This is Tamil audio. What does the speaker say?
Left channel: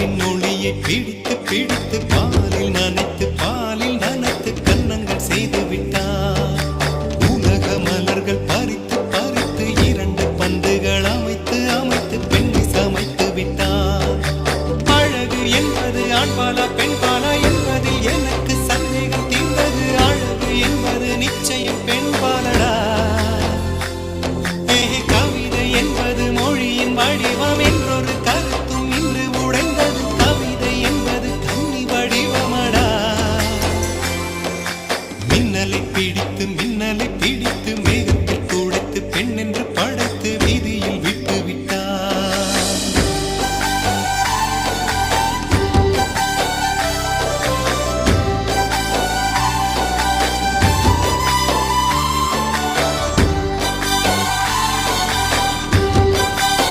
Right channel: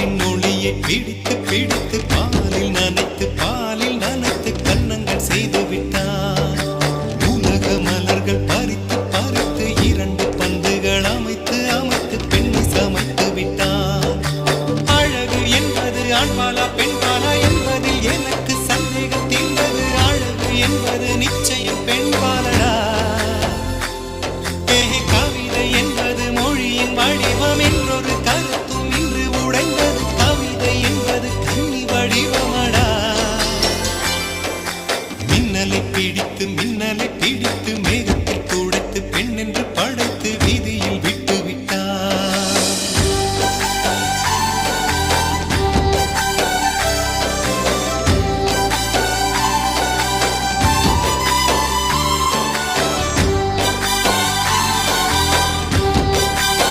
நிலவின் ஒளியை பிடித்து பிடித்து பாலில் நனைத்து கன்னங்கள் செய்து விட்டான். உலக மலர்கள் பறித்து பறித்து 2 பந்துகள் அமைத்து அமைத்து பெண்ணை சமைத்து விட்டான். அழகு என்பது ஆண்பாலா பெண்பாலா என்பதில் எனக்கு சந்தேகம் தீர்ந்தது. அழகு என்பது நிச்சயம் பெண்பாலடா. கவிதை என்பது மொழியின் வடிவம் என்றொரு கருத்தும் இன்று உடைந்தது. கவிதை என்பது கன்னி வடிவமடா. மின்னலை பிடித்து